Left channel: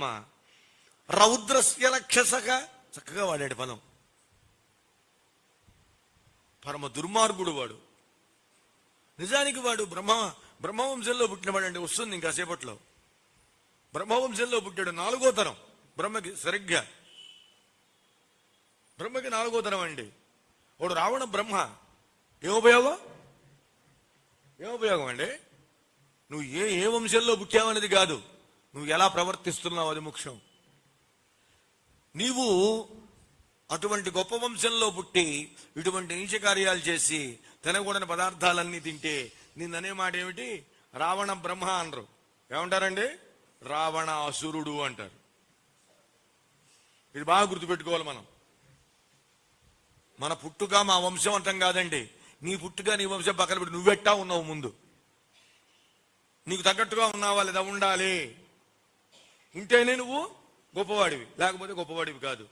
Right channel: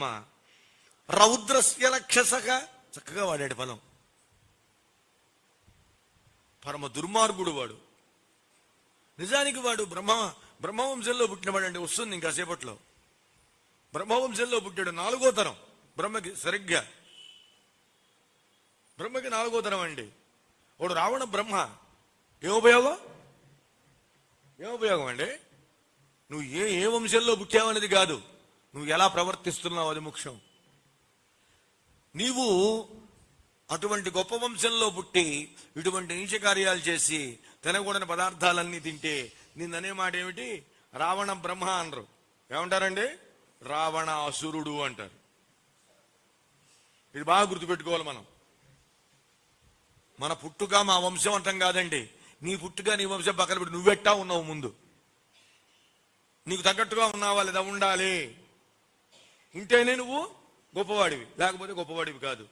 బ్రహ్మ. రౌద్రస్య రక్షసగా, చక్కగా వాడాడు పదం. పరమ దుర్మార్గుడు వాడు. నిజానికి వాడు బ్రహ్మవంశంలో పుట్టినవాడండి. వస్తుంది ఇంకాసేపట్లో. బ్రహ్మవంశంలో పుట్టాడు. 4వ తరం బ్రహ్మకి. సరిగ్గా బ్రహ్మకి 4వ తరం అండి. వాడు రావణ బ్రహ్మ. ఏముపయోగం అండి? నువ్వు ఏ వంశంలో పుట్టావనేది కాదు, నువ్వు ఎలా ప్రవర్తిస్తున్నావు అది ముఖ్యం. నీవు అటువంటి గొప్ప వంశంలో పుట్టి ఇటువంటి నీచ కార్యాలు చేసి తినకూడని పదార్థాలన్నీ తింటే నిన్ననే మాట ఏమిటి? రావణ బ్రహ్మ అనరు. ఏమంటారండి? రావణ అసురుడు అంటారు. ఇది బాగా గుర్తుపెట్టుకోవాలి మనం. మన పుట్టుక మా వంశం అంతం కాదండి. నీ పుట్టుక నీ వంశం పక్కన పెట్టి నువ్వెట్టా ఉన్నావు ముందు. నీకు తగ్గట్టుగా ఉన్నావా లేదా? ఉండాలి. ఉంటేనే నువ్వు గొప్పవాడివి, లేకపోతే గొప్పవాడివి కాదు.